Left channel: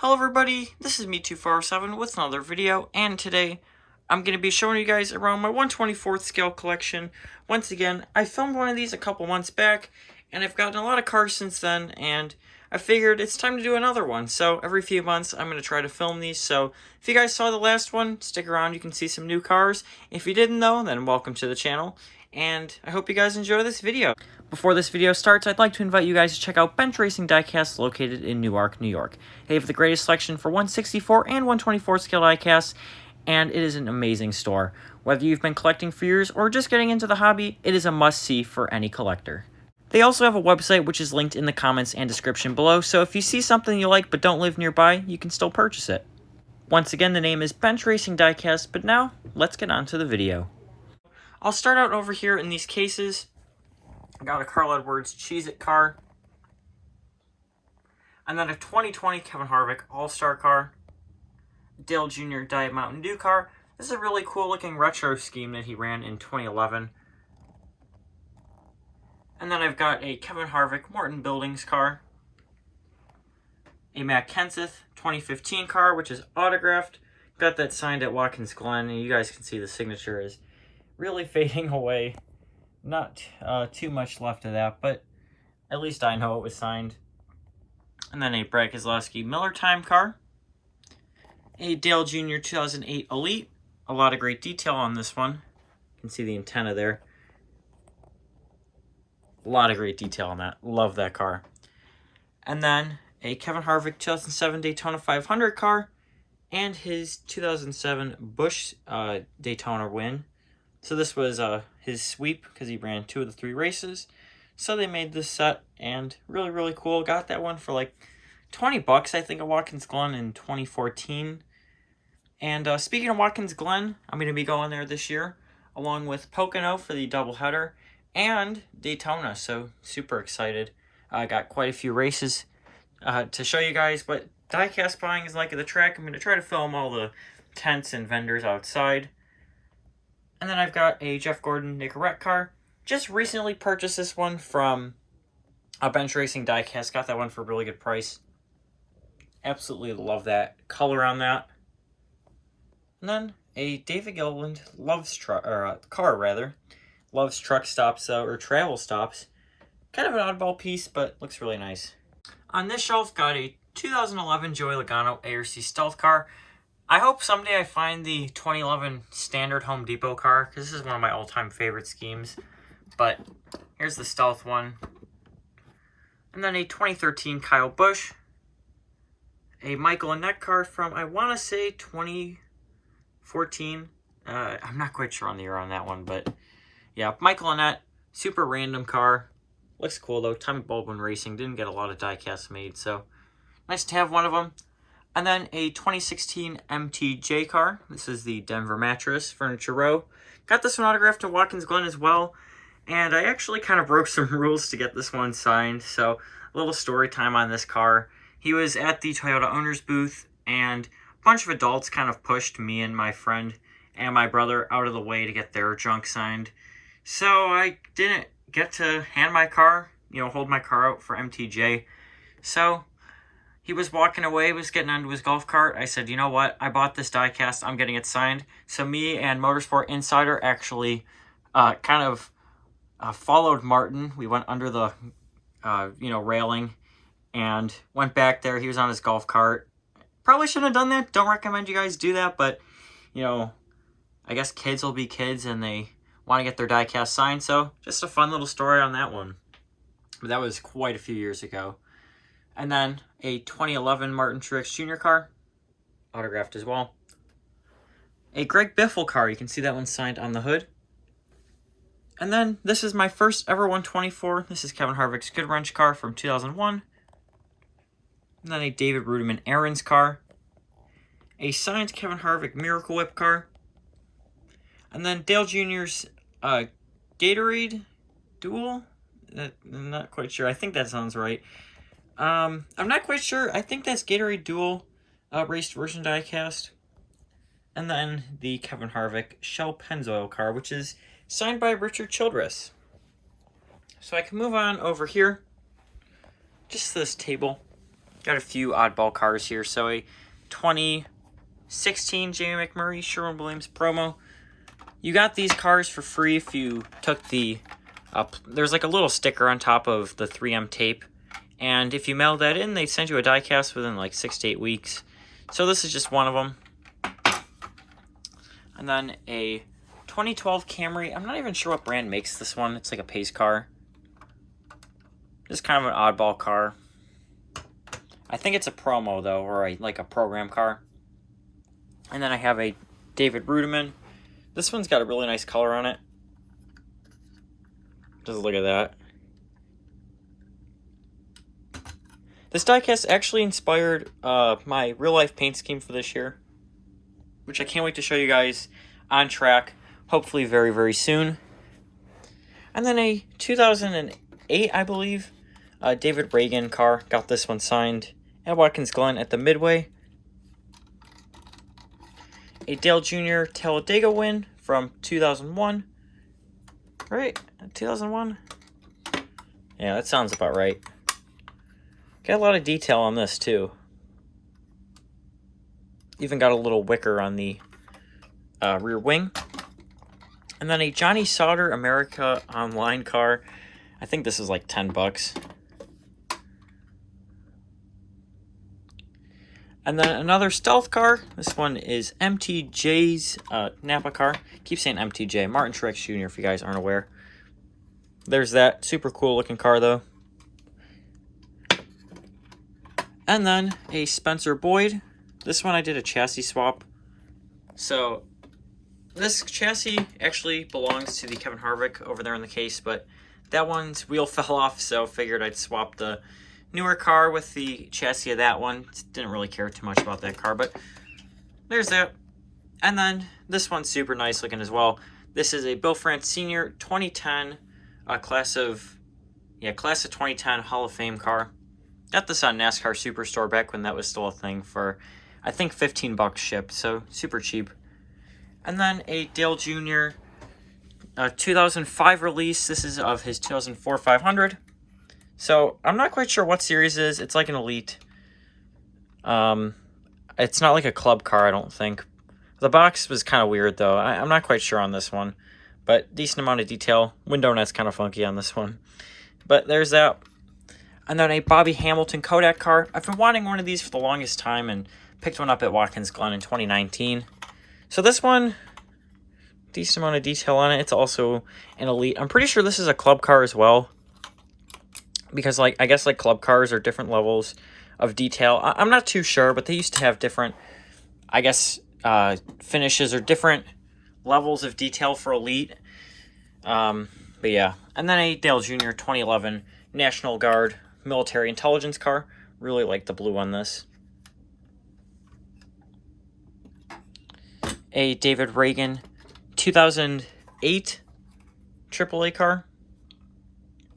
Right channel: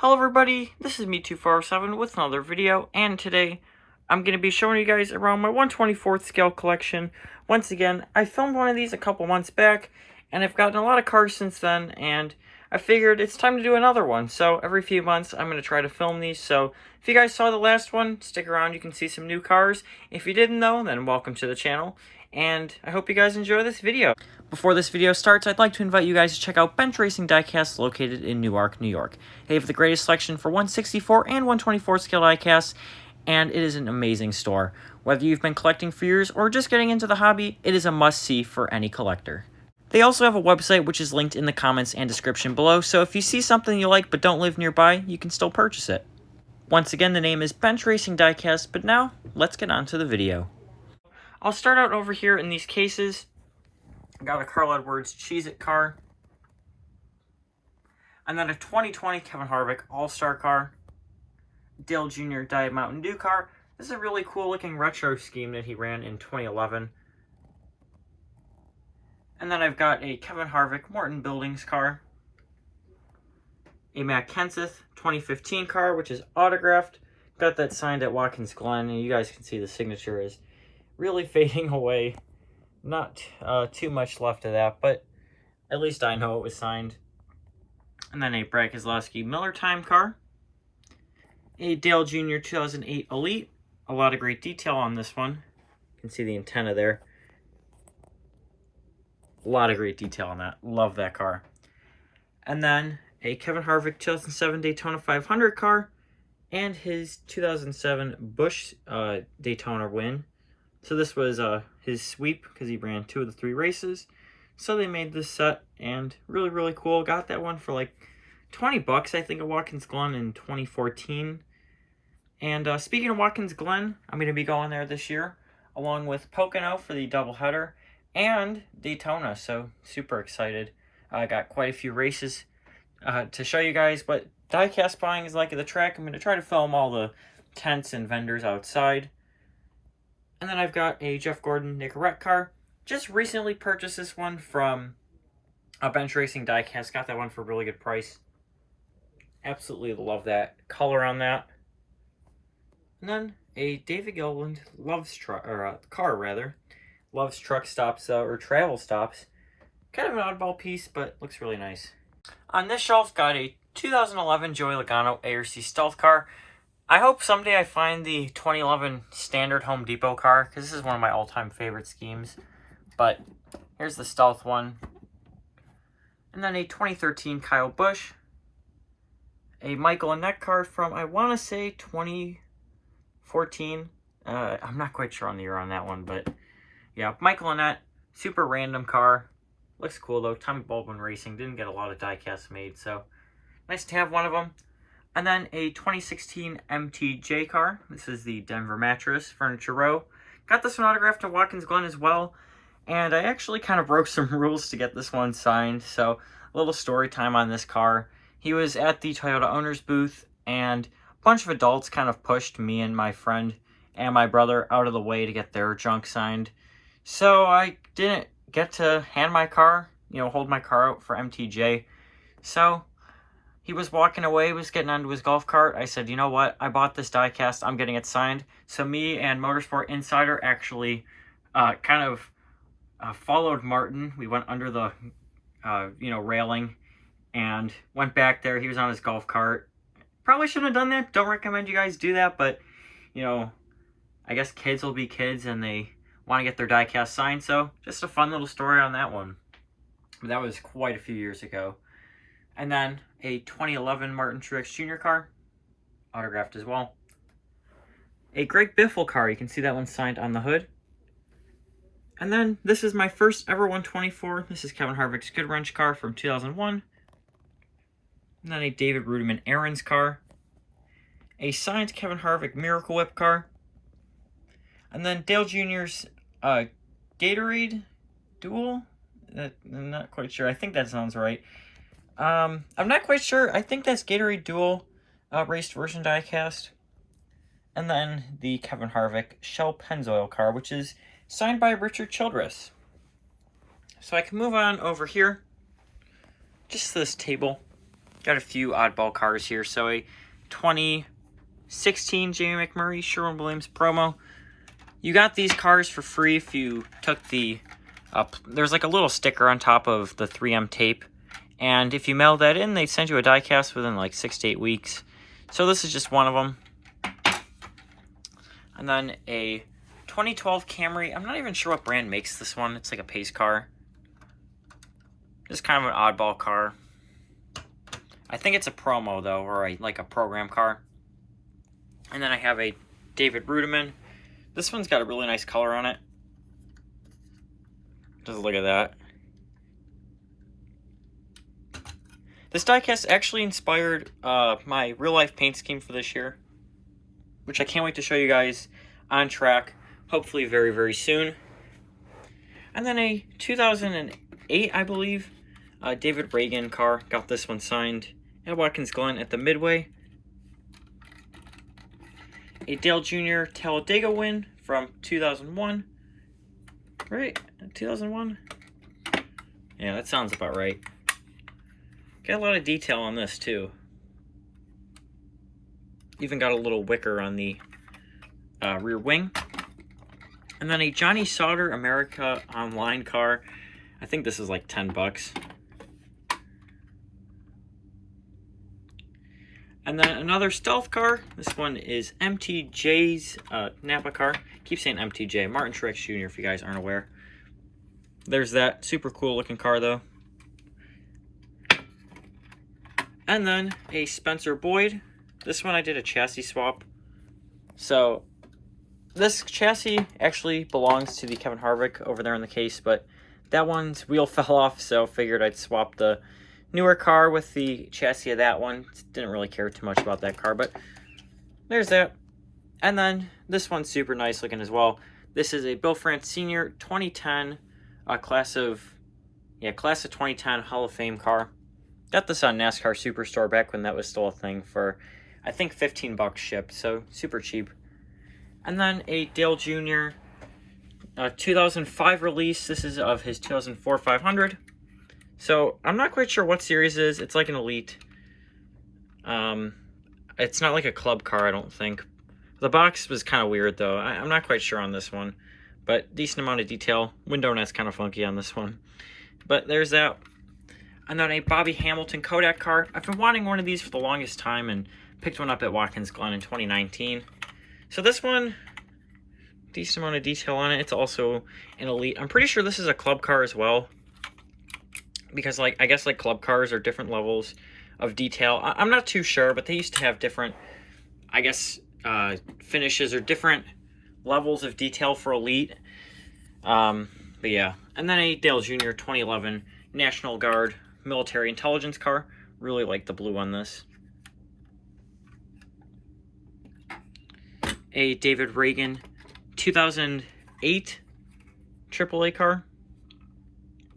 Hello everybody, this is me2407 with another video, and today I'm going to be showing you guys around my 1/24th scale collection. Once again, I filmed one of these a couple months back, and I've gotten a lot of cars since then, and I figured it's time to do another one. So every few months I'm going to try to film these, so if you guys saw the last one, stick around, you can see some new cars. If you didn't though, then welcome to the channel, and I hope you guys enjoy this video. Before this video starts, I'd like to invite you guys to check out Bench Racing Diecast located in Newark, New York. They have the greatest selection for 1/64 and 1/24 scale diecasts, and it is an amazing store. Whether you've been collecting for years or just getting into the hobby, it is a must-see for any collector. They also have a website which is linked in the comments and description below, so if you see something you like but don't live nearby, you can still purchase it. Once again, the name is Bench Racing Diecast, but now, let's get on to the video. I'll start out over here in these cases. I got a Carl Edwards Cheez-It car. And then a 2020 Kevin Harvick All-Star car. Dale Jr. Diet Mountain Dew car. This is a really cool looking retro scheme that he ran in 2011. And then I've got a Kevin Harvick Morton Buildings car. A Matt Kenseth 2015 car, which is autographed. Got that signed at Watkins Glen, and you guys can see the signature is really fading away. Not too much left of that, but at least I know it was signed. And then a Brad Keselowski Miller Time car. A Dale Jr. 2008 Elite. A lot of great detail on this one. You can see the antenna there. A lot of great detail on that. Love that car. And then a Kevin Harvick 2007 Daytona 500 car. And his 2007 Busch Daytona win. So this was his sweep because he ran 2 of the 3 races. So they made this set, and really cool. Got that one for like $20, I think, at Watkins Glen in 2014. And speaking of Watkins Glen, I'm going to be going there this year, along with Pocono for the doubleheader, and Daytona, so super excited. I got quite a few races to show you guys what diecast buying is like at the track. I'm going to try to film all the tents and vendors outside. And then I've got a Jeff Gordon Nicorette car. Just recently purchased this one from a Bench Racing Diecast. Got that one for a really good price. Absolutely love that color on that. And then a David Gilliland car loves truck stops or travel stops. Kind of an oddball piece, but looks really nice. On this shelf, got a 2011 Joey Logano ARC Stealth car. I hope someday I find the 2011 standard Home Depot car, because this is one of my all-time favorite schemes. But here's the Stealth one. And then a 2013 Kyle Busch. A Michael Annett car from, I want to say, 2014. I'm not quite sure on the year on that one, but yeah, Michael Annett, super random car. Looks cool, though. Tommy Baldwin Racing didn't get a lot of diecasts made, so nice to have one of them. And then a 2016 MTJ car. This is the Denver Mattress Furniture Row. Got this one autographed at Watkins Glen as well. And I actually kind of broke some rules to get this one signed. So a little story time on this car. He was at the Toyota owner's booth, and a bunch of adults kind of pushed me and my friend and my brother out of the way to get their junk signed. So I didn't get to hand my car, hold my car out for MTJ. So he was walking away, was getting onto his golf cart. I said, you know what? I bought this diecast. I'm getting it signed. So me and Motorsport Insider actually followed Martin. We went under the, railing and went back there. He was on his golf cart. Probably shouldn't have done that. Don't recommend you guys do that. But, I guess kids will be kids and they want to get their diecast signed. So just a fun little story on that one. But that was quite a few years ago. And then a 2011 Martin Truex Jr. car, autographed as well. A Greg Biffle car, you can see that one signed on the hood. And then this is my first ever 1/24. This is Kevin Harvick's Good Wrench car from 2001. And then a David Rudiman Aaron's car. A signed Kevin Harvick Miracle Whip car. And then Dale Jr.'s Gatorade Duel. I'm not quite sure. I think that sounds right. I'm not quite sure. I think that's Gatorade Dual raced version diecast. And then the Kevin Harvick Shell Pennzoil car, which is signed by Richard Childress. So I can move on over here. Just this table. got a few oddball cars here. So a 2016 Jamie McMurray Sherwin-Williams promo. You got these cars for free if you took the... there's like a little sticker on top of the 3M tape. And if you mail that in, they send you a diecast within like 6 to 8 weeks. So this is just one of them. And then a 2012 Camry. I'm not even sure what brand makes this one. It's like a pace car. It's kind of an oddball car. I think it's a promo though, or like a program car. And then I have a David Rudiman. This one's got a really nice color on it. Just look at that. This diecast actually inspired my real-life paint scheme for this year, which I can't wait to show you guys on track, hopefully very, very soon. And then a 2008, I believe, David Reagan car. Got this one signed at Watkins Glen at the Midway. A Dale Jr. Talladega win from 2001. Right? 2001? Yeah, that sounds about right. Got a lot of detail on this, too. Even got a little wicker on the rear wing. And then a Johnny Sauter America Online car. I think this is like 10 bucks. And then another stealth car. This one is MTJ's Napa car. Keep saying MTJ. Martin Truex Jr. if you guys aren't aware. There's that. Super cool looking car, though. And then a Spencer Boyd. This one I did a chassis swap. So this chassis actually belongs to the Kevin Harvick over there in the case, but that one's wheel fell off, so figured I'd swap the newer car with the chassis of that one. Didn't really care too much about that car, but there's that. And then this one's super nice looking as well. This is a Bill France Sr. 2010 class of 2010 Hall of Fame car. Got this on NASCAR Superstore back when that was still a thing for, I think, 15 bucks shipped, so super cheap. And then a Dale Jr. 2005 release. This is of his 2004 500. So I'm not quite sure what series it is. It's like an Elite. It's not like a club car, I don't think. The box was kind of weird, though. I'm not quite sure on this one. But decent amount of detail. Window net's kind of funky on this one. But there's that. And then a Bobby Hamilton Kodak car. I've been wanting one of these for the longest time and picked one up at Watkins Glen in 2019. So this one, decent amount of detail on it. It's also an Elite. I'm pretty sure this is a club car as well. Because I guess club cars are different levels of detail. I'm not too sure, but they used to have different, I guess, finishes or different levels of detail for Elite. But yeah. And then a Dale Jr. 2011 National Guard military intelligence car. Really like the blue on this. A David Reagan 2008 AAA car.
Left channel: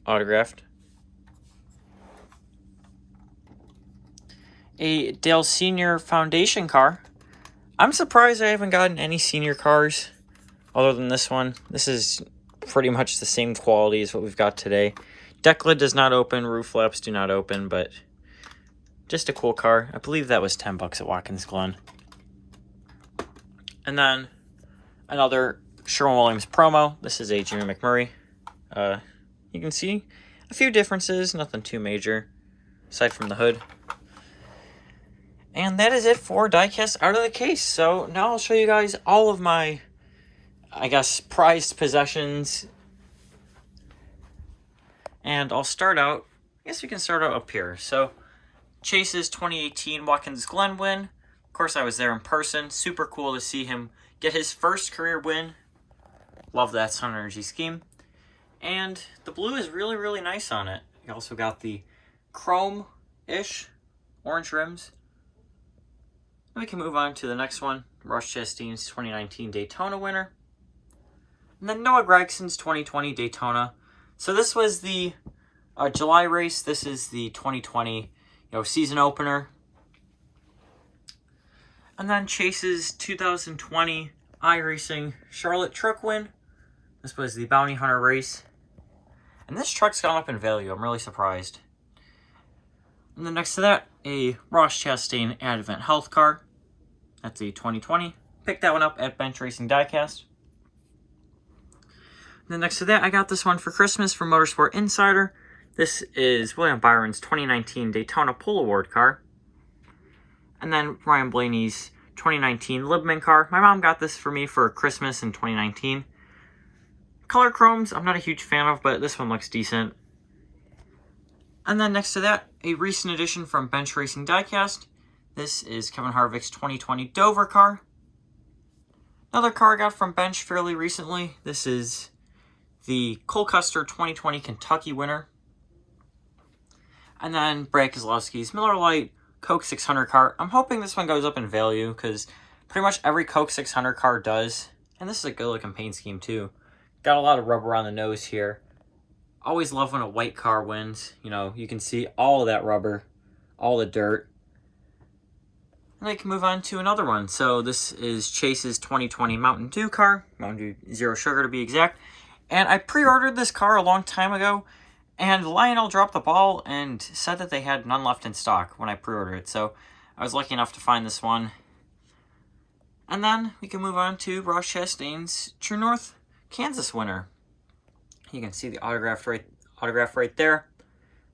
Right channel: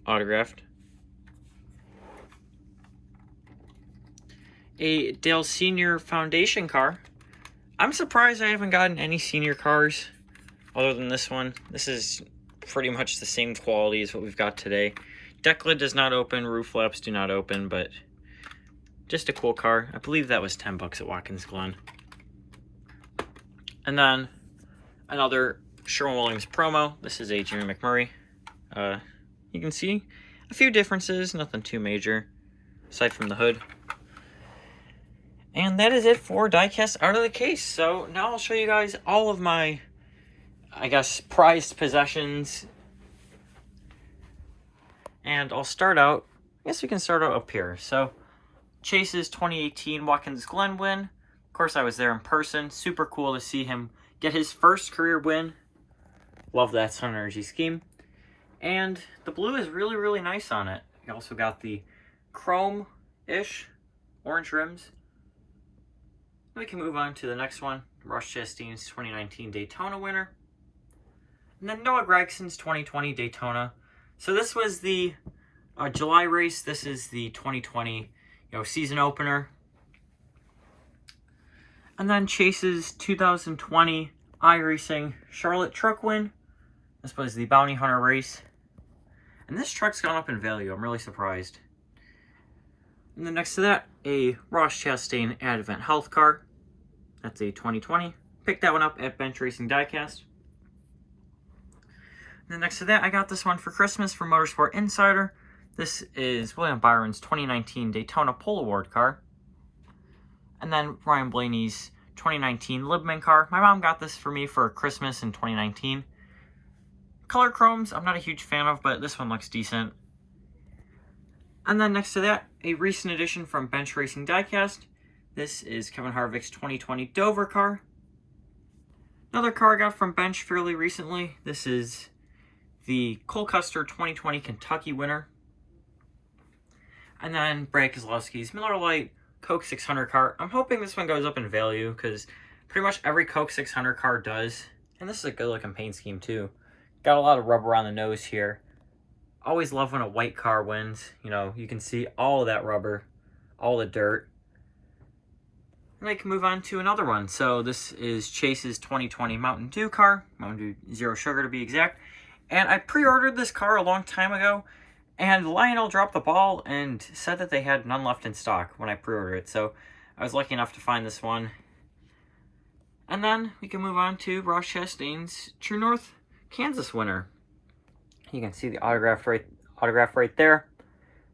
Autographed. A Dale Senior Foundation car. I'm surprised I haven't gotten any senior cars other than this one. This is pretty much the same quality as what we've got today. Deck lid does not open, roof flaps do not open, but just a cool car. I believe that was 10 bucks at Watkins Glen. And then another Sherwin-Williams promo. This is a Jimmy McMurray. You can see a few differences, nothing too major, aside from the hood. And that is it for diecast out of the case. So now I'll show you guys all of my, I guess, prized possessions. And I'll start out, I guess we can start out up here. So Chase's 2018 Watkins Glen win. Of course, I was there in person. Super cool to see him get his first career win. Love that Sun Energy scheme. And the blue is really, really nice on it. You also got the chrome-ish orange rims. We can move on to the next one. Ross Chastain's 2019 Daytona winner. And then Noah Gregson's 2020 Daytona. So this was the July race. This is the 2020 season opener. And then Chase's 2020 iRacing Charlotte truck win. This was the Bounty Hunter race. And this truck's gone up in value. I'm really surprised. And then next to that, a Ross Chastain Advent Health car. That's a 2020. Picked that one up at Bench Racing Diecast. And then next to that, I got this one for Christmas from Motorsport Insider. This is William Byron's 2019 Daytona Pole Award car. And then Ryan Blaney's 2019 Libman car. My mom got this for me for Christmas in 2019. Color chromes, I'm not a huge fan of, but this one looks decent. And then next to that, a recent addition from Bench Racing Diecast. This is Kevin Harvick's 2020 Dover car. Another car I got from Bench fairly recently. This is the Cole Custer 2020 Kentucky winner. And then Brad Keselowski's Miller Lite Coke 600 car. I'm hoping this one goes up in value because pretty much every Coke 600 car does. And this is a good looking paint scheme too. Got a lot of rubber on the nose here. Always love when a white car wins. You know, you can see all of that rubber, all the dirt. And I can move on to another one. So this is Chase's 2020 Mountain Dew car. Mountain Dew Zero Sugar to be exact. And I pre-ordered this car a long time ago. And Lionel dropped the ball and said that they had none left in stock when I pre-ordered it. So I was lucky enough to find this one. And then we can move on to Ross Chastain's True North Kansas winner. You can see the autograph right there.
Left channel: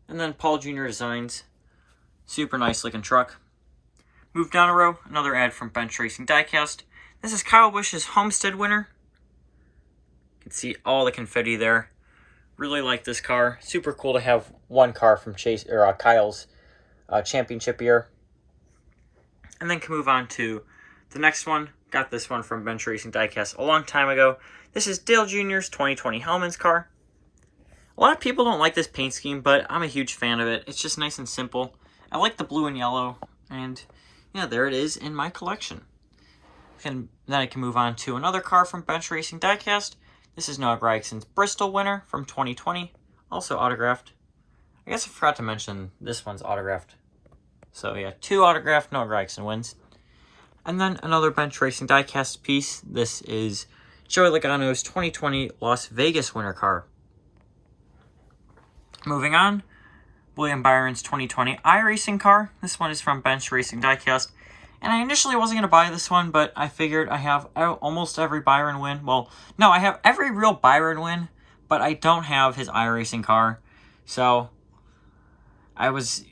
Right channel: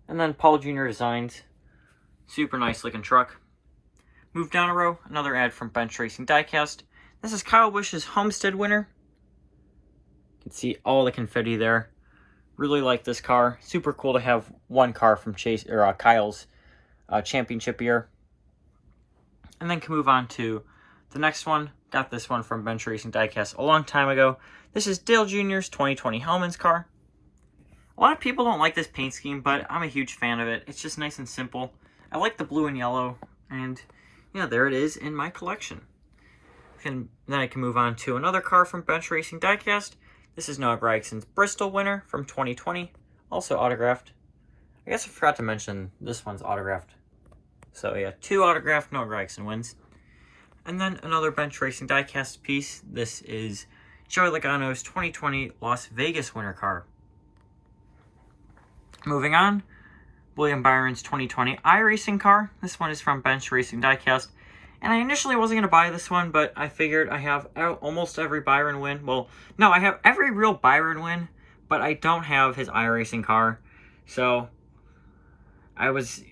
And then Paul Jr. Designs. Super nice looking truck. Move down a row, another ad from Bench Racing Diecast. This is Kyle Busch's Homestead winner. You can see all the confetti there. Really like this car. Super cool to have one car from Kyle's championship year. And then can move on to the next one. Got this one from Bench Racing Diecast a long time ago. This is Dale Jr.'s 2020 Hellman's car. A lot of people don't like this paint scheme, but I'm a huge fan of it. It's just nice and simple. I like the blue and yellow, and yeah, there it is in my collection. And then I can move on to another car from Bench Racing Diecast. This is Noah Gragson's Bristol winner from 2020, also autographed. I guess I forgot to mention this one's autographed. So yeah, 2 autographed Noah Gragson wins. And then another Bench Racing Diecast piece. This is Joey Logano's 2020 Las Vegas winter car. Moving on, William Byron's 2020 iRacing car. This one is from Bench Racing Diecast. And I initially wasn't going to buy this one, but I figured I have almost every Byron win. Well, no, I have every real Byron win, but I don't have his iRacing car. So I was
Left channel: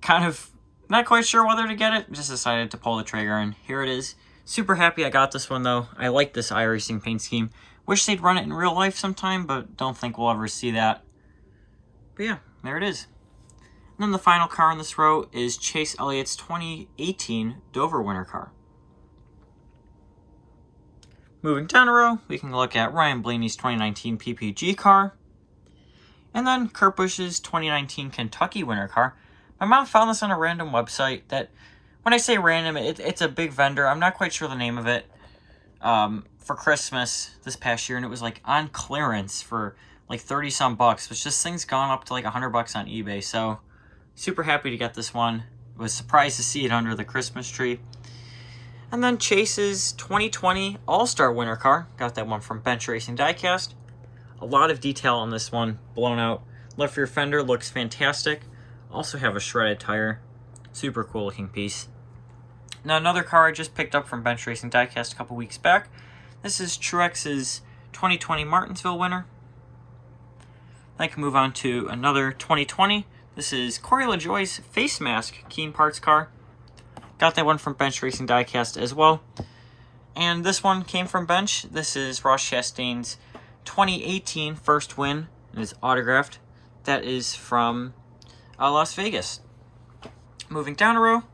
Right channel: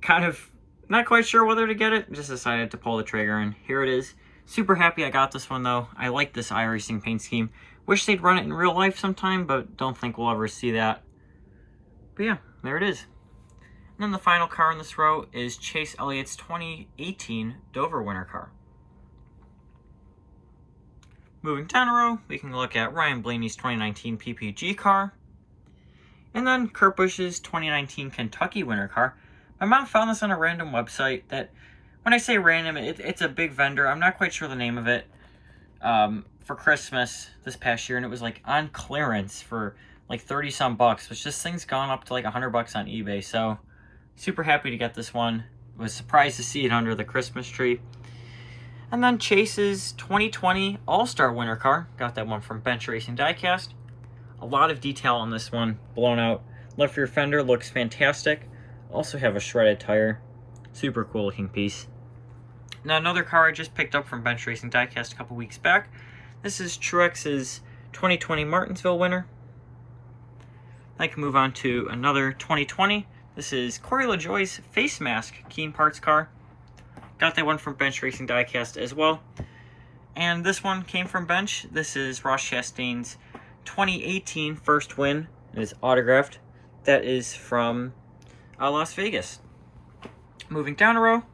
kind of not quite sure whether to get it. Just decided to pull the trigger, and here it is. Super happy I got this one, though. I like this iRacing paint scheme. Wish they'd run it in real life sometime, but don't think we'll ever see that. But yeah, there it is. And then the final car in this row is Chase Elliott's 2018 Dover winter car. Moving down a row, we can look at Ryan Blaney's 2019 PPG car. And then Kurt Busch's 2019 Kentucky winter car. My mom found this on a random website that, when I say random, it's a big vendor. I'm not quite sure the name of it. For Christmas this past year, and it was like on clearance for like 30 some bucks, which this thing's gone up to like $100 on eBay. So super happy to get this one. Was surprised to see it under the Christmas tree. And then Chase's 2020 All-Star winter car. Got that one from Bench Racing Diecast. A lot of detail on this one. Blown out left rear fender looks fantastic. Also have a shredded tire. Super cool looking piece. Now another car I just picked up from Bench Racing Diecast a couple weeks back. This is Truex's 2020 Martinsville winner. I can move on to another 2020. This is Corey LaJoie's face mask Keen Parts car. Got that one from Bench Racing Diecast as well. And this one came from Bench. This is Ross Chastain's 2018 first win. It is autographed. That is from Las Vegas. Moving down a row,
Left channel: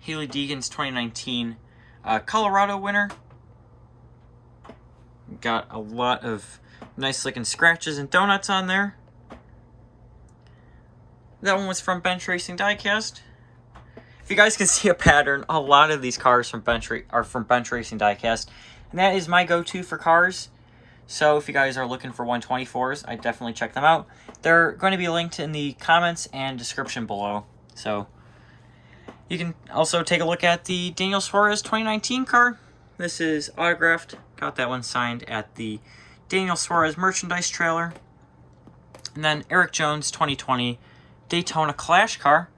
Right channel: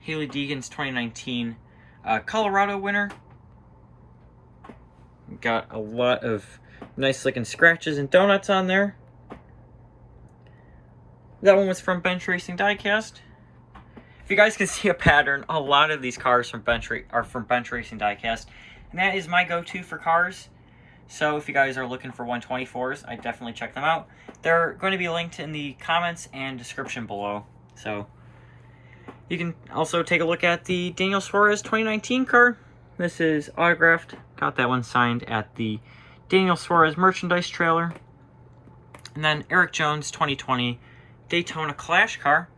Haley Deegan's 2019 Colorado winner. Got a lot of nice looking scratches and donuts on there. That one was from Bench Racing Diecast. If you guys can see a pattern, a lot of these cars are from Bench Racing Diecast. And that is my go-to for cars. So if you guys are looking for 124s, I definitely check them out. They're going to be linked in the comments and description below. So you can also take a look at the Daniel Suarez 2019 car. This is autographed. Got that one signed at the Daniel Suarez merchandise trailer. And then Eric Jones 2020 Daytona Clash car.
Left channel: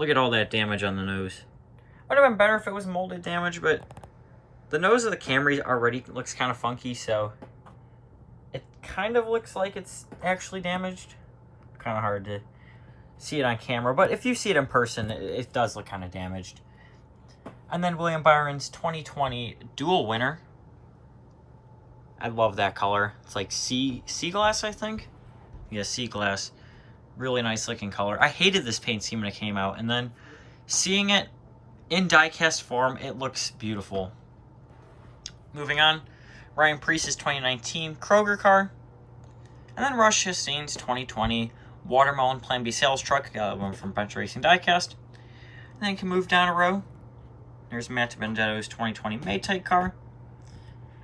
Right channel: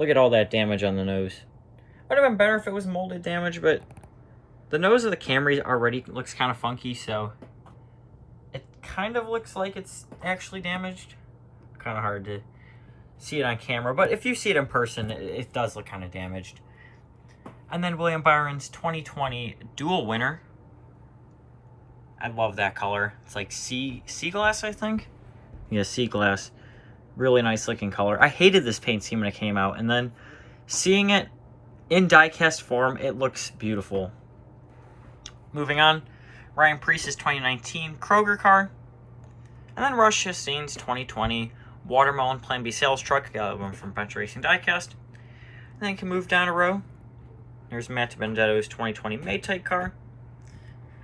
Look at all that damage on the nose. Would have been better if it was molded damage, but the nose of the Camry already looks kind of funky, so it kind of looks like it's actually damaged. Kind of hard to see it on camera, but if you see it in person, it does look kind of damaged. And then William Byron's 2020 dual winner. I love that color. It's like sea glass, I think. Yeah, sea glass. Really nice looking color. I hated this paint scheme when it came out, and then seeing it in diecast form, it looks beautiful. Moving on, Ryan Preece's 2019 Kroger car. And then Rush Chastain's 2020 Watermelon Plan B sales truck. Got one from Bench Racing Diecast. And then you can move down a row. There's Matt Benedetto's 2020 Maytite car.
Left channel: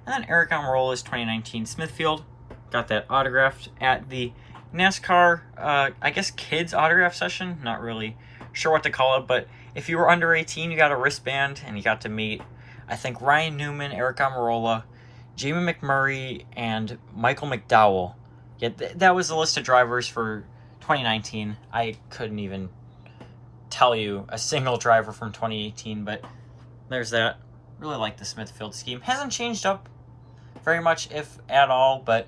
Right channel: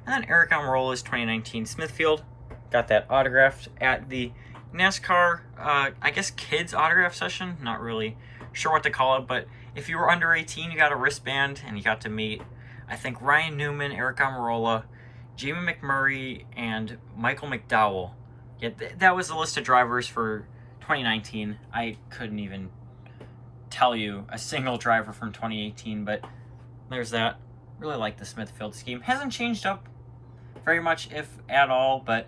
And then Eric Almirola's 2019 Smithfield. Got that autographed at the NASCAR, I guess, kids autograph session. Not really sure what to call it, but if you were under 18, you got a wristband, and you got to meet, I think, Ryan Newman, Eric Almirola, Jamie McMurray, and Michael McDowell. Yeah, that was the list of drivers for 2019. I couldn't even tell you a single driver from 2018, but there's that. Really like the Smithfield scheme. Hasn't changed up very much, if at all, but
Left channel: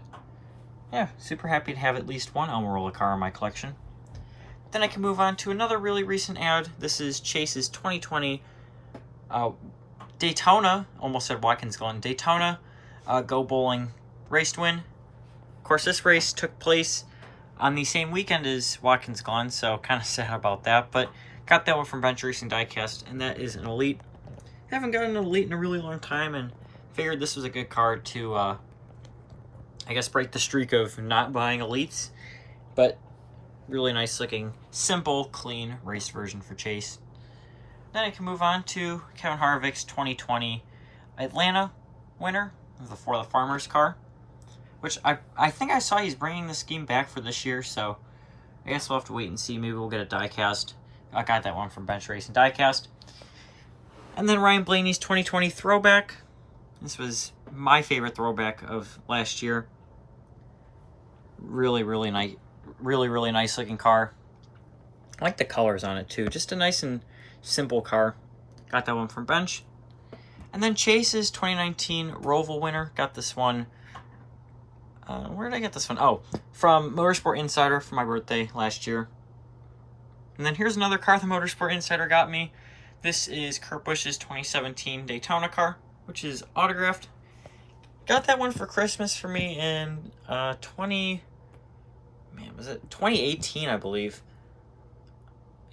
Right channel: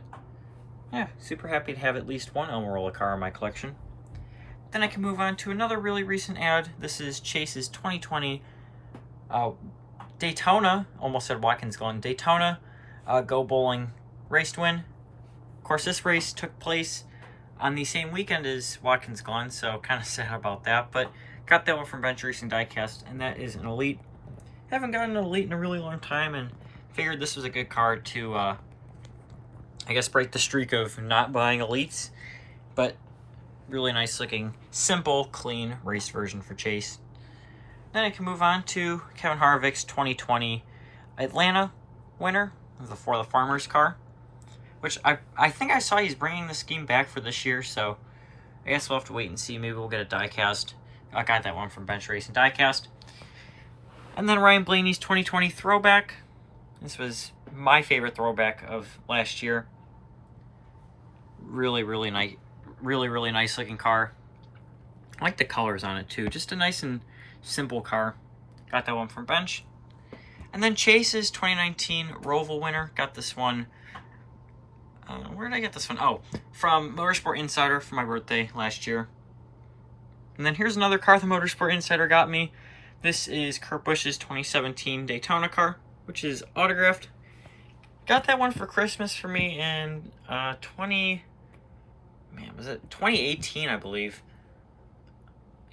yeah, super happy to have at least one Almirola car in my collection. Then I can move on to another really recent ad. This is Chase's 2020 Daytona, almost said Watkins Glen, Daytona Go Bowling race to win. Of course, this race took place on the same weekend as Watkins Glen, so kind of sad about that, but got that one from Bench Racing Diecast, and that is an Elite. Haven't gotten an Elite in a really long time, and figured this was a good card to, I guess, break the streak of not buying Elites, but really nice looking, simple, clean race version for Chase. Then I can move on to Kevin Harvick's 2020 Atlanta winner for the Farmers car, which I think I saw he's bringing the scheme back for this year, so I guess we'll have to wait and see. Maybe we'll get a diecast. I got that one from Bench Racing Diecast. And then Ryan Blaney's 2020 throwback. This was my favorite throwback of last year. Really nice, really nice looking car. I like the colors on it too. Just a nice and simple car. Got that one from Bench. And then Chase's 2019 Roval winner. Got this one. Where did I get this one? Oh, from Motorsport Insider for my birthday last year. And then here's another car the Motorsport Insider got me. This is Kurt Busch's 2017 Daytona car, which is autographed. Got that one for Christmas for me in 2018, I believe.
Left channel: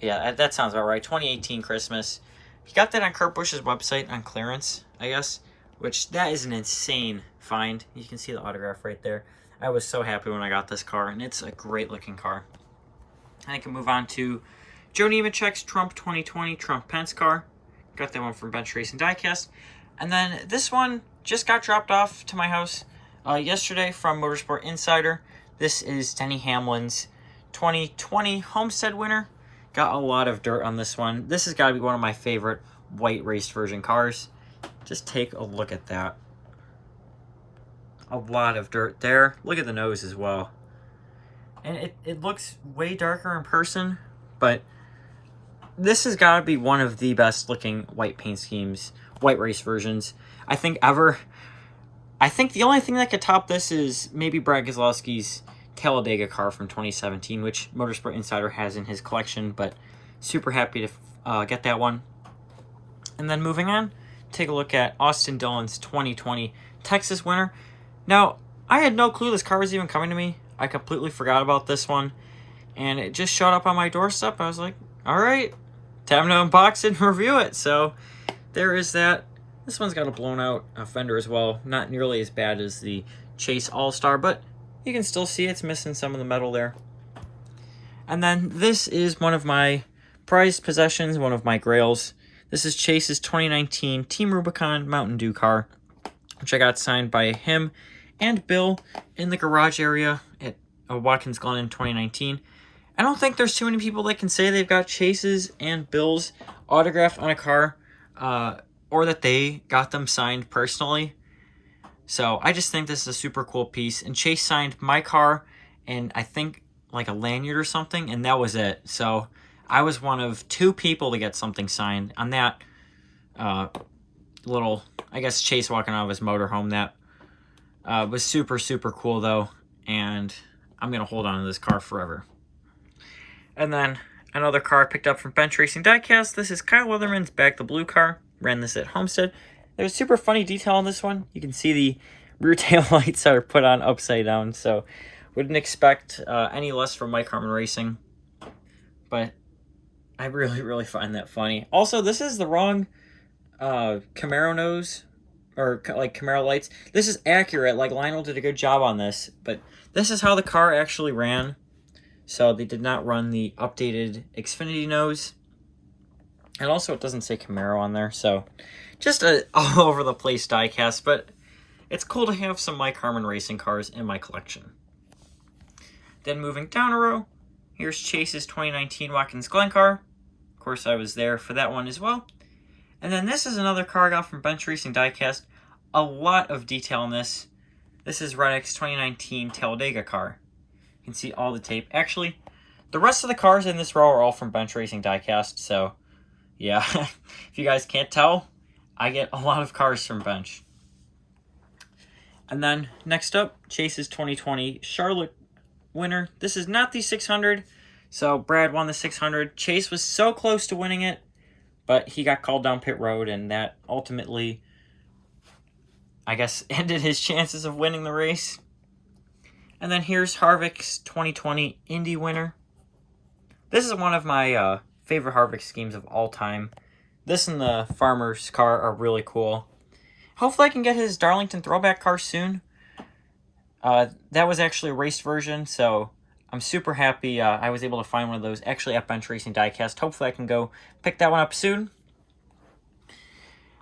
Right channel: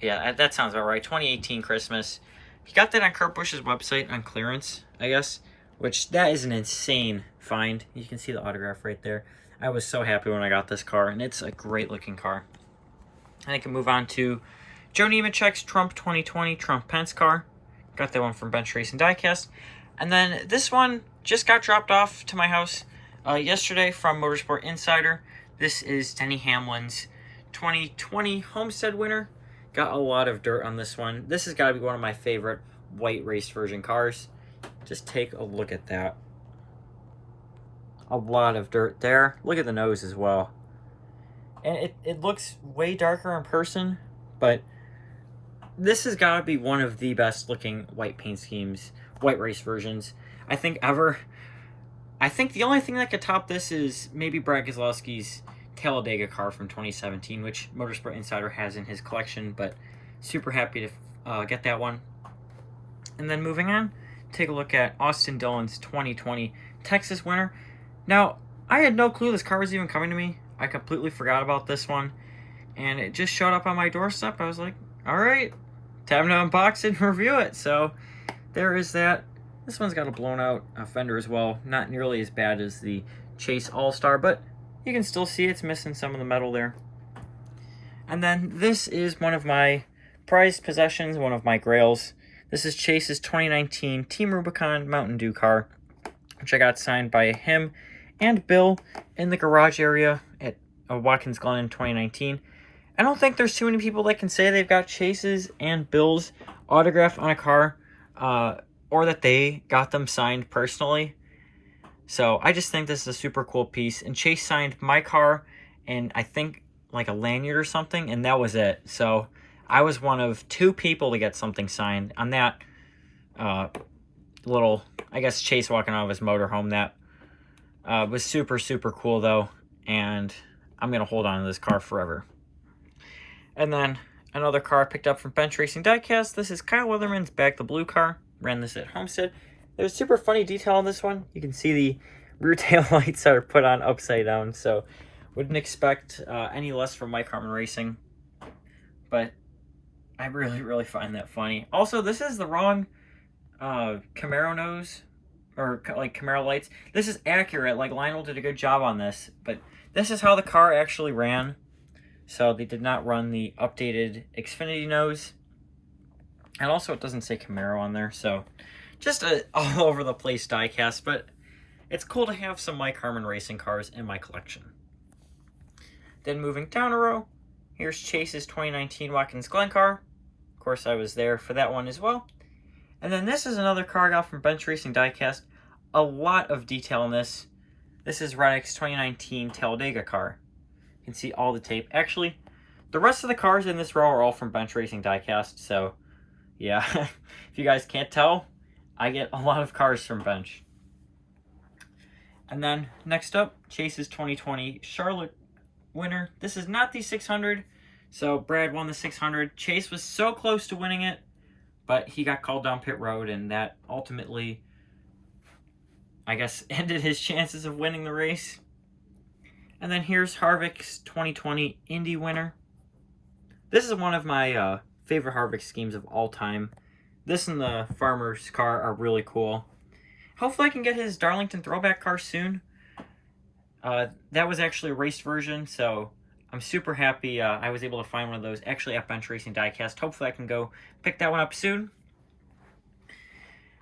Yeah, that sounds about right. 2018 Christmas. He got that on Kurt Busch's website on clearance, I guess, which that is an insane find. You can see the autograph right there. I was so happy when I got this car, and it's a great looking car. And I can move on to Joe Nemechek's Trump 2020 Trump Pence car. Got that one from Bench Racing Diecast. And then this one just got dropped off to my house yesterday from Motorsport Insider. This is Denny Hamlin's 2020 Homestead winner. Got a lot of dirt on this one. This has got to be one of my favorite white race version cars. Just take a look at that. A lot of dirt there. Look at the nose as well. And it looks way darker in person, but this has got to be one of the best looking white paint schemes, white race versions, I think ever. I think the only thing that could top this is maybe Brad Keselowski's Talladega car from 2017, which Motorsport Insider has in his collection, but super happy to get that one. And then moving on, take a look at Austin Dillon's 2020 Texas winner. Now, I had no clue this car was even coming to me. I completely forgot about this one, and it just showed up on my doorstep. I was like, all right, time to unbox it and review it. So there is that. This one's got a blown out fender as well. Not nearly as bad as the Chase All-Star, but you can still see it's missing some of the metal there. And then this is one of my prized possessions, one of my grails. This is Chase's 2019 Team Rubicon Mountain Dew car, which I got signed by him and Bill in the garage area at Watkins Glen in 2019. I don't think there's too many people that can say they've got Chase's and Bill's autograph on a car, or that they got them signed personally. So I just think this is a super cool piece. And Chase signed my car and I think like a lanyard or something, and that was it. So I was one of 2 people to get something signed on that little, I guess, Chase walking out of his motorhome. That was super, super cool, though, and I'm going to hold on to this car forever. And then another car I picked up from Bench Racing Diecast. This is Kyle Weatherman's Back the Blue car. Ran this at Homestead. There's a super funny detail on this one. You can see the rear tail lights are put on upside down, so wouldn't expect any less from Mike Harmon Racing. But I really, really find that funny. Also, this is the wrong Camaro nose, or like Camaro lights. This is accurate. Like, Lionel did a good job on this, but this is how the car actually ran. So they did not run the updated Xfinity nose. And also it doesn't say Camaro on there, so just a all over the place diecast, but it's cool to have some Mike Harmon Racing cars in my collection. Then moving down a row, here's Chase's 2019 Watkins Glen car. Of course, I was there for that one as well. And then this is another car I got from Bench Racing Diecast. A lot of detail in this. This is Reddick's 2019 Talladega car. You can see all the tape. Actually, the rest of the cars in this row are all from Bench Racing Diecast, so yeah, if you guys can't tell, I get a lot of cars from Bench. And then next up, Chase's 2020 Charlotte winner. This is not the 600, so Brad won the 600. Chase was so close to winning it, but he got called down pit road, and that ultimately, I guess, ended his chances of winning the race. And then here's Harvick's 2020 Indy winner. This is one of my favorite Harvick schemes of all time. This and the Farmer's car are really cool. Hopefully I can get his Darlington throwback car soon. That was actually a raced version, so I'm super happy I was able to find one of those actually at Bench Racing Diecast. Hopefully I can go pick that one up soon.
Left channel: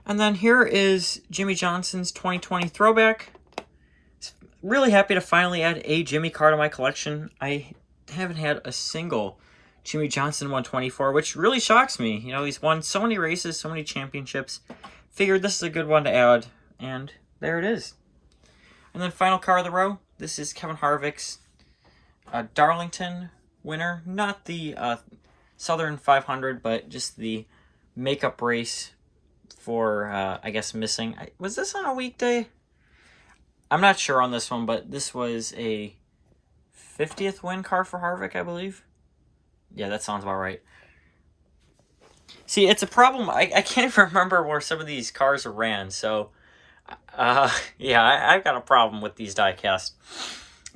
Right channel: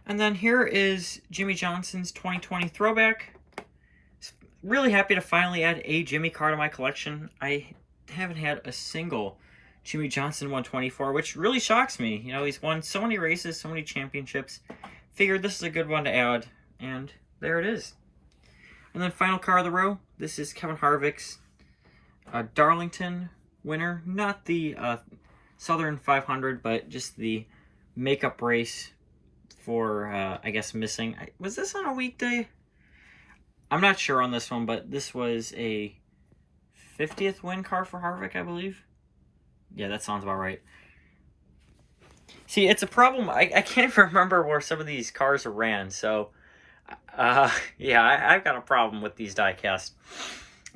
And then here is Jimmy Johnson's 2020 throwback. Really happy to finally add a Jimmy car to my collection. I haven't had a single Jimmy Johnson 124, which really shocks me. You know, he's won so many races, so many championships. Figured this is a good one to add, and there it is. And then final car of the row, this is Kevin Harvick's Darlington winner. Not the Southern 500, but just the makeup race for, I guess, missing. Was this on a weekday? I'm not sure on this one, but this was a 50th win car for Harvick, I believe. Yeah, that sounds about right. See, it's a problem. I can't remember where some of these cars are ran, so yeah, I've got a problem with these diecasts.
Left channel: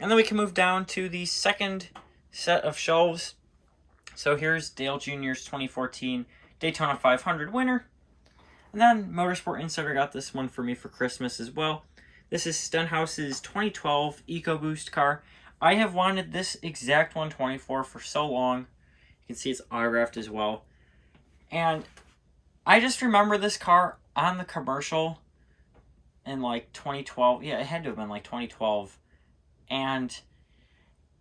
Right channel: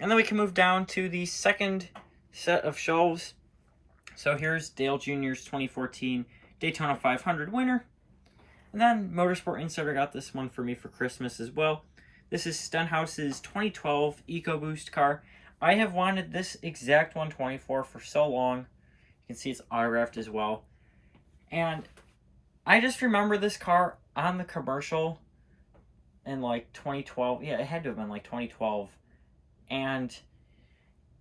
And then we can move down to the second set of shelves. So here's Dale Jr.'s 2014 Daytona 500 winner. And then Motorsport Insider got this one for me for Christmas as well. This is Stenhouse's 2012 EcoBoost car. I have wanted this exact 124 for so long. You can see it's autographed as well. And I just remember this car on the commercial in like 2012. Yeah, it had to have been like 2012. And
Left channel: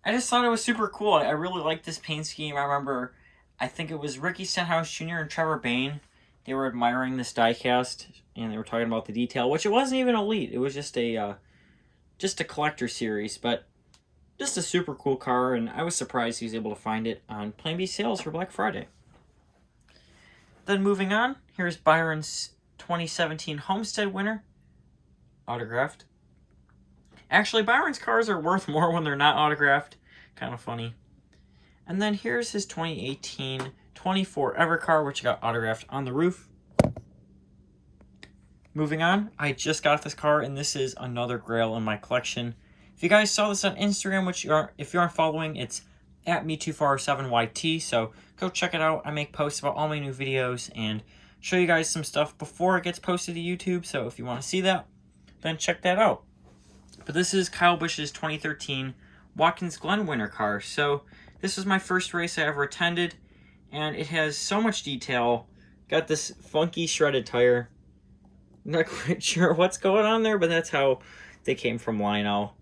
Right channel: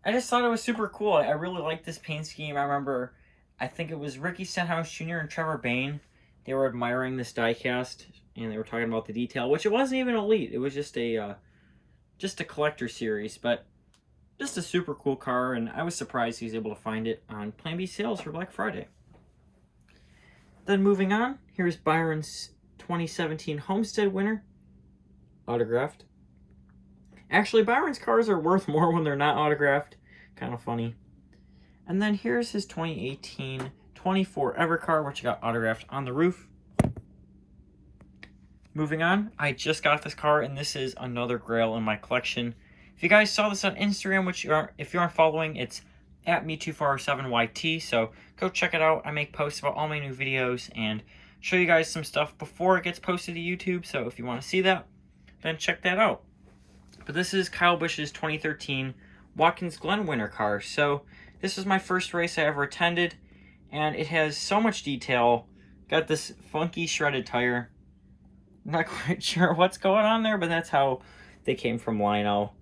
I just thought it was super cool. I really liked this paint scheme. I remember, I think it was Ricky Stenhouse Jr. and Trevor Bayne. They were admiring this diecast, and they were talking about the detail, which it wasn't even elite. It was just a collector series, but just a super cool car, and I was surprised he was able to find it on Plan B sales for Black Friday. Then moving on, here's Byron's 2017 Homestead winner, autographed. Actually, Byron's cars are worth more when they're not autographed. Kind of funny. And then here's his 2018 24 Ever car, which got autographed on the roof. Moving on, I just got this car, and this is another grail in my collection. If you guys saw this on Instagram, which if you aren't following, it's at me2407YT, so go check it out. I make posts about all my new videos and show you guys some stuff before it gets posted to YouTube, so if you want to see that, then check that out. But this is Kyle Busch's 2013 Watkins Glen winter car. So this was my first race I ever attended, and it has so much detail. Got this funky shredded tire. Not quite sure what's going on there, but that's how they came from Lionel.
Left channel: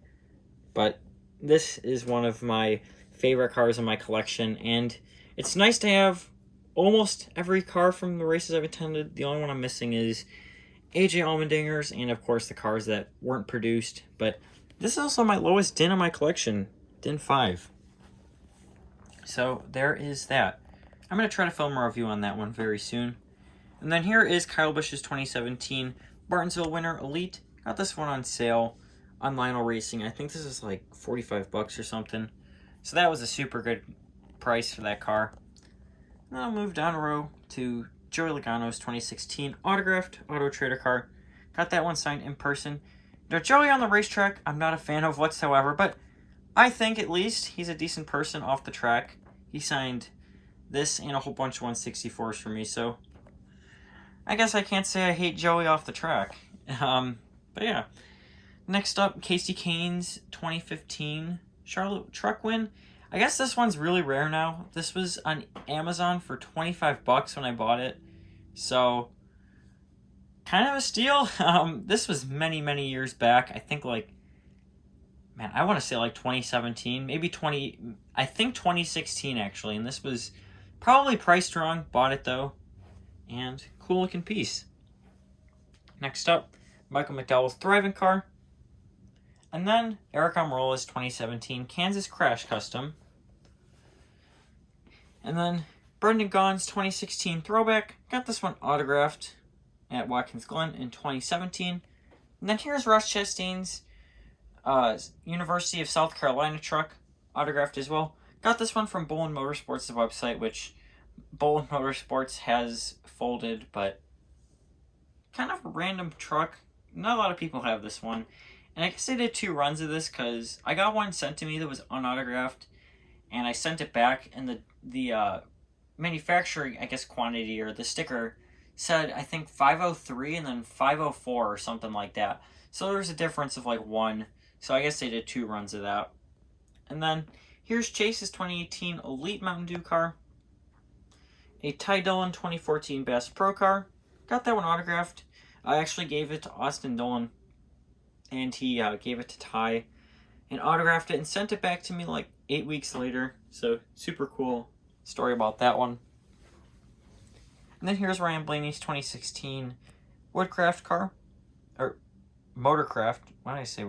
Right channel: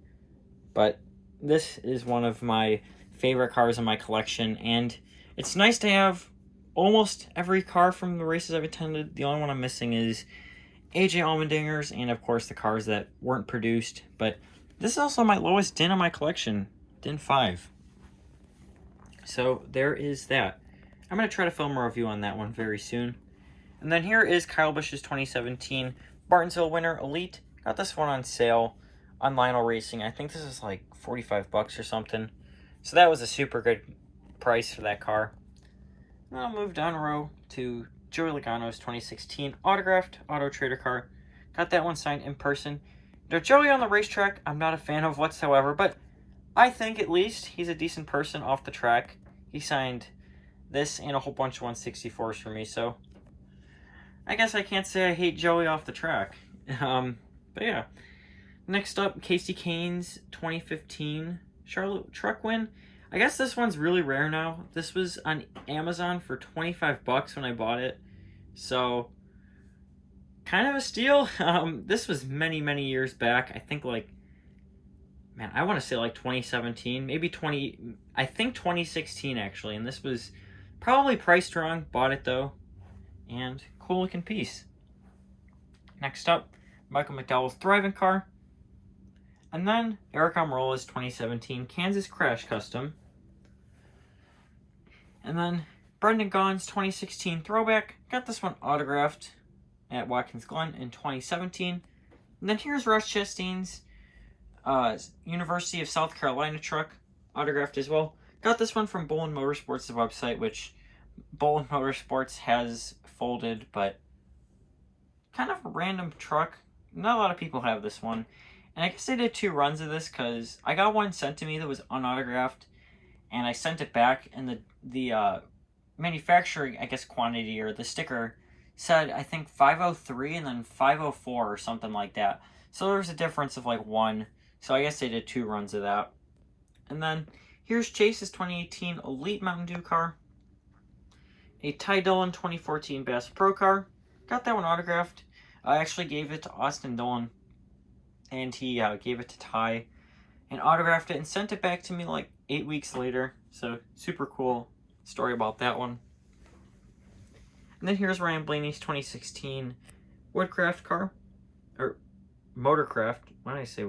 But this is one of my favorite cars in my collection, and it's nice to have almost every car from the races I've attended. The only one I'm missing is AJ Allmendinger's, and of course the cars that weren't produced. But this is also my lowest DIN in my collection, DIN 5. So there is that. I'm going to try to film a review on that one very soon. And then here is Kyle Busch's 2017 Martinsville Winter Elite. Got this one on sale on Lionel Racing. I think this is like 45 bucks or something. So that was a super good price for that car. Then I'll move down a row to Joey Logano's 2016 autographed Auto Trader car. Got that one signed in person. Now, Joey on the racetrack, I'm not a fan of whatsoever, but I think at least he's a decent person off the track. He signed this and a whole bunch of 164s for me, so I guess I can't say I hate Joey off the track. But yeah. Next up, Casey Kane's 2015 Charlotte truck win. I guess this one's really rare now. This was on Amazon for 25 bucks when I bought it. So, kind of a steal. This was many, many years back. I think like, man, I want to say like 2017, maybe I think 2016 actually. And this was probably priced wrong. Bought it though. And cool looking piece. Next up, Michael McDowell's Thriving car. And then Eric Almirola's 2017 Kansas Crash Custom. And then Brendan Gaughan's 2016 Throwback. Got this one autographed at Watkins Glen in 2017. And then here's Ross Chastain's University of South Carolina truck, autographed as well. Got this one from Bolin Motorsports, the website, which Bolin Motorsports has folded, but kind of a random truck. Not a lot of people have this one. And I guess I did 2 runs of this because I got one sent to me that was unautographed, and I sent it back, and the manufacturing, I guess, quantity or the sticker said, I think 503 and then 504 or something like that. So there's a difference of like 1. So I guess they did 2 runs of that. And then here's Chase's 2018 Elite Mountain Dew car. A Ty Dillon 2014 Bass Pro car. Got that one autographed. I actually gave it to Austin Dillon, and he gave it to Ty and autographed it and sent it back to me like 8 weeks later. So super cool story about that one. And then here's Ryan Blaney's 2016 Woodcraft car, or Motorcraft. What did I say?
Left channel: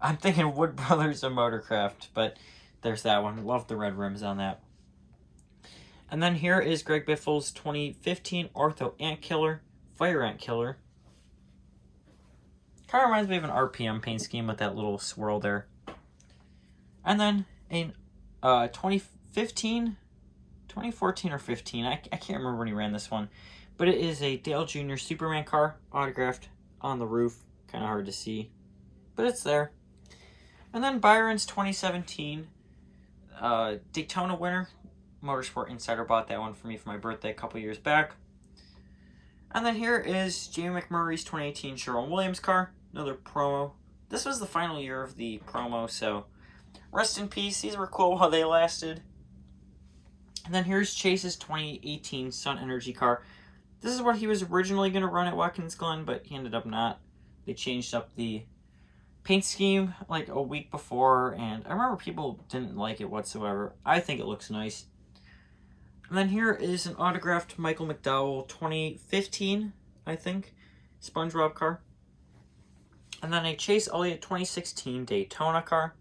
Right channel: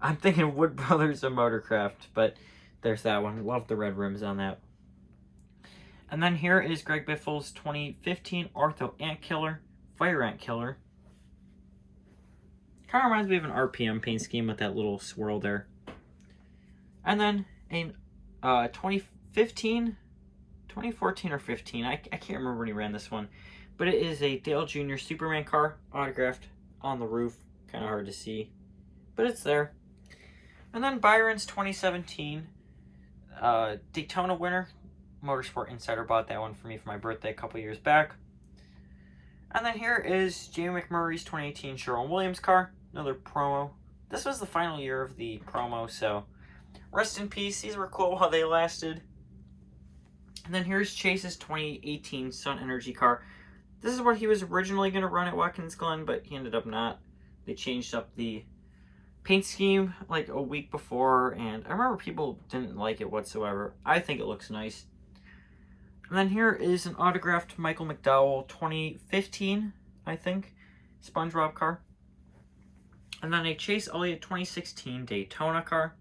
I'm thinking Wood Brothers and Motorcraft, but there's that one. Love the red rims on that. And then here is Greg Biffle's 2015 Ortho Ant Killer, Fire Ant Killer. Kind of reminds me of an RPM paint scheme with that little swirl there. And then a 2014 or 15, I can't remember when he ran this one, but it is a Dale Jr. Superman car, autographed on the roof. Kind of hard to see, but it's there. And then Byron's 2017 Daytona winner. Motorsport Insider bought that one for me for my birthday a couple years back. And then here is Jamie McMurray's 2018 Sherwin-Williams car. Another promo. This was the final year of the promo, so rest in peace. These were cool while they lasted. And then here's Chase's 2018 Sun Energy car. This is what he was originally going to run at Watkins Glen, but he ended up not. They changed up the paint scheme like a week before, and I remember people didn't like it whatsoever. I think it looks nice. And then here is an autographed Michael McDowell 2015, I think, SpongeBob car. And then a Chase Elliott 2016 Daytona car.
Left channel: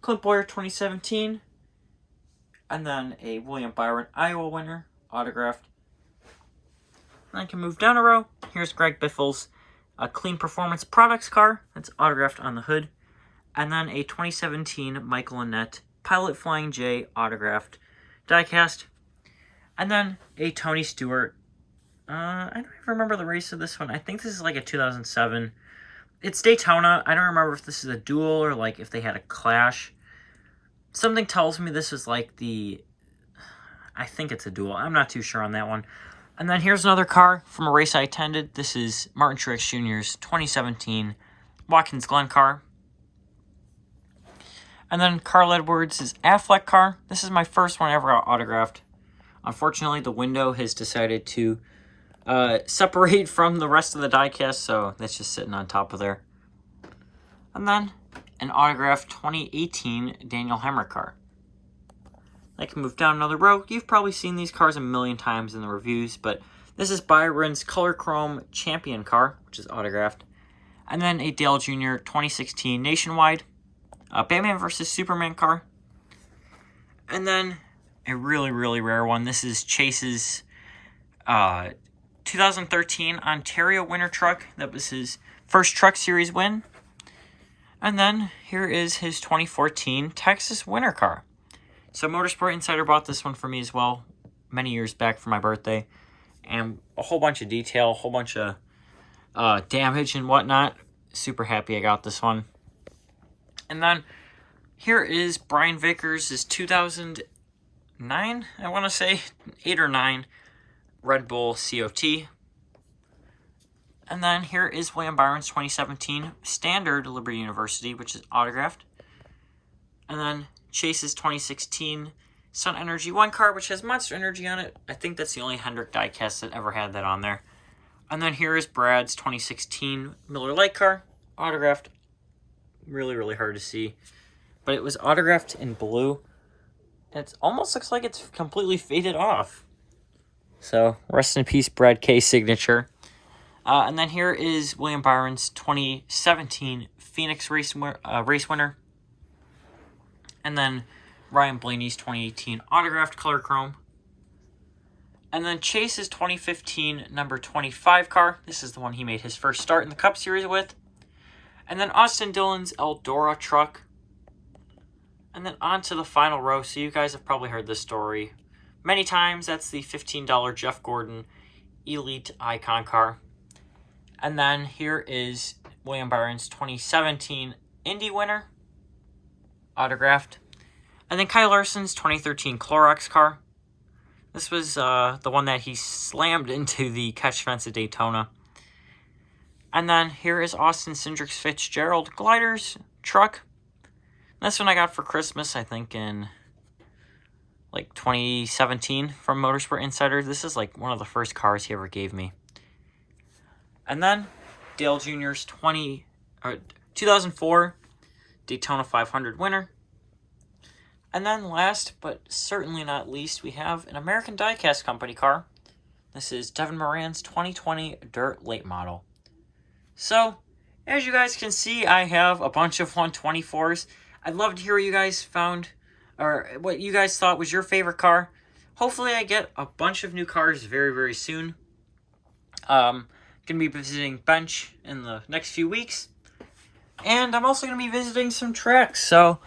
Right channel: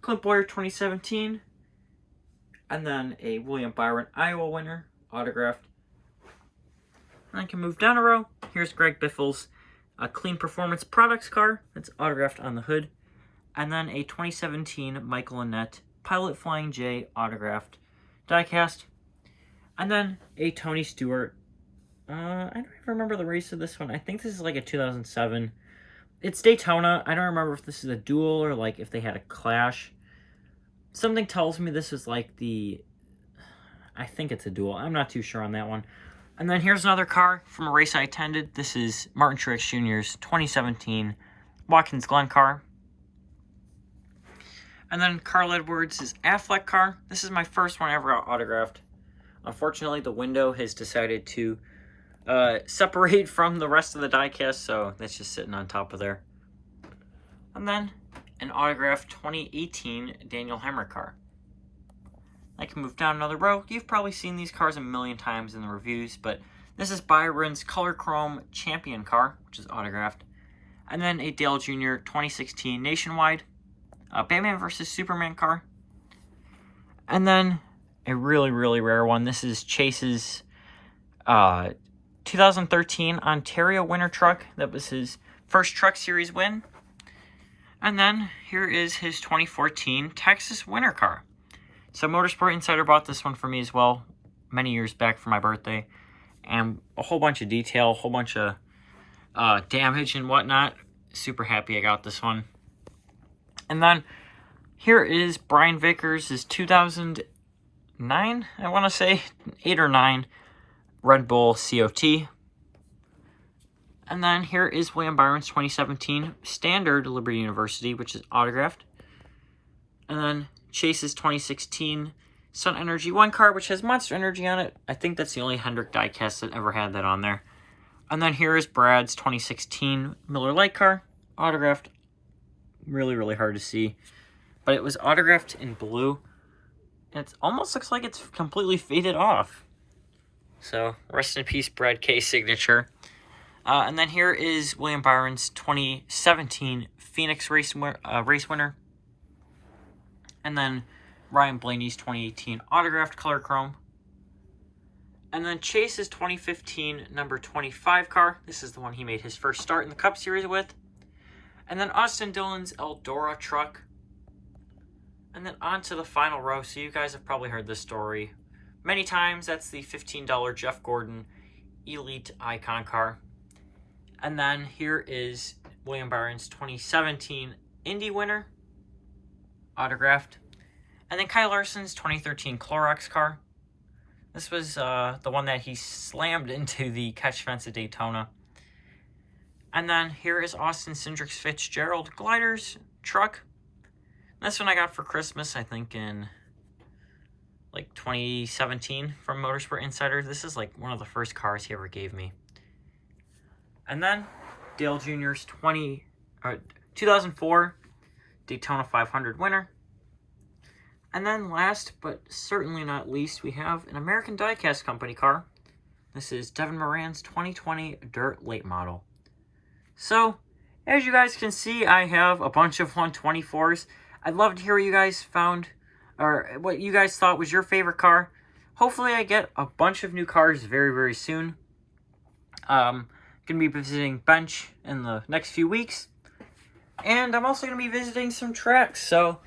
Clint Boyer 2017. And then a William Byron Iowa winner, autographed. And I can move down a row. Here's Greg Biffle's Clean Performance Products car. That's autographed on the hood. And then a 2017 Michael Annett Pilot Flying J autographed diecast. And then a Tony Stewart. I don't even remember the race of this one. I think this is like a 2007. It's Daytona. I don't remember if this is a duel or like if they had a clash. Something tells me this was like I think it's a duel. I'm not too sure on that one. And then here's another car from a race I attended. This is Martin Truex Jr.'s 2017 Watkins Glen car. And then Carl Edwards' Affleck car. This is my first one I ever got autographed. Unfortunately, the window has decided to separate from the rest of the diecast, so that's just sitting on top of there. And then an autographed 2018 Daniel Hemrick car. I can move down another row. You've probably seen these cars a million times in the reviews, but this is Byron's Color Chrome Champion car, which is autographed. And then a Dale Jr. 2016 Nationwide Batman vs. Superman car. And then a really, really rare one. This is Chase's 2013 Ontario Winter Truck. That was his first Truck Series win. And then here is his 2014 Texas Winter car. So Motorsport Insider bought this one for me as well many years back for my birthday. And a whole bunch of detail, a whole bunch of damage and whatnot. Super happy I got this one. And then here is Brian Vickers' 2009, I want to say, 8 or 9 Red Bull COT. And then here is William Byron's 2017 Standard Liberty University, which is autographed. And then Chase's 2016 Sun Energy 1 car, which has Monster Energy on it. I think that's the only Hendrick diecast that ever had that on there. And then here is Brad's 2016 Miller Lite car, autographed. Really, really hard to see. But it was autographed in blue. It almost looks like it's completely faded off. So, rest in peace, Brad K. signature. And then here is William Byron's 2017 Phoenix race winner. And then Ryan Blaney's 2018 autographed color chrome. And then Chase's 2015 number 25 car. This is the one he made his first start in the Cup Series with. And then Austin Dillon's Eldora truck. And then on to the final row. So you guys have probably heard this story many times. That's the $15 Jeff Gordon Elite Icon car. And then here is William Byron's 2017 Indy winner, autographed. And then Kyle Larson's 2013 Clorox car. This was the one that he slammed into the catch fence at Daytona. And then here is Austin Cindric's Fitzgerald Gliders truck. This one I got for Christmas, I think, in like 2017 from Motorsport Insider. This is like one of the first cars he ever gave me. And then Dale Jr.'s 2004 Daytona 500 winner. And then last, but certainly not least, we have an American Diecast Company car. This is Devin Moran's 2020 Dirt Late Model. So, as you guys can see, I have a bunch of 124s. I'd love to hear what you guys found, or what you guys thought was your favorite car. Hopefully I get a bunch of new cars very, very soon. Going to be visiting Bench in the next few weeks. And I'm also going to be visiting some tracks. So,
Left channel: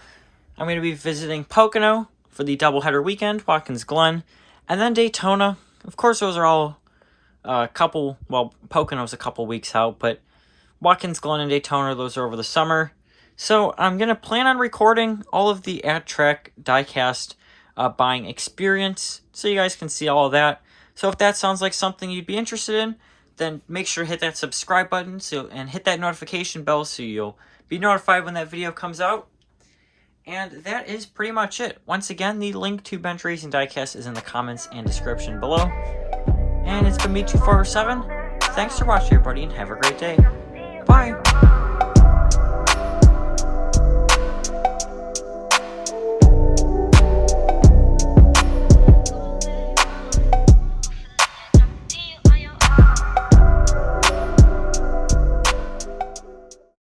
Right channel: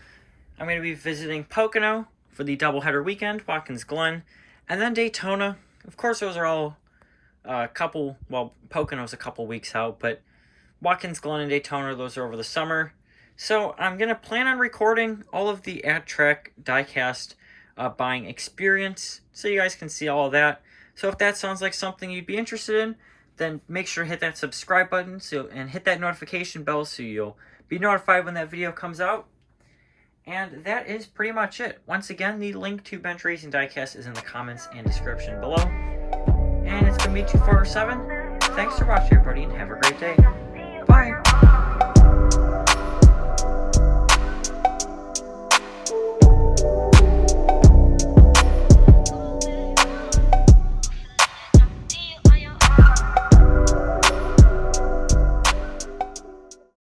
I'm going to be visiting Pocono for the doubleheader weekend, Watkins Glen, and then Daytona. Of course, those are all Pocono's a couple weeks out, but Watkins Glen and Daytona, those are over the summer. So I'm going to plan on recording all of the at-track diecast buying experience so you guys can see all of that. So if that sounds like something you'd be interested in, then make sure to hit that subscribe button and hit that notification bell so you'll be notified when that video comes out. And that is pretty much it. Once again, the link to Bench Racing Diecast is in the comments and description below. And it's been me, 247. Thanks for watching, everybody, and have a great day. Bye!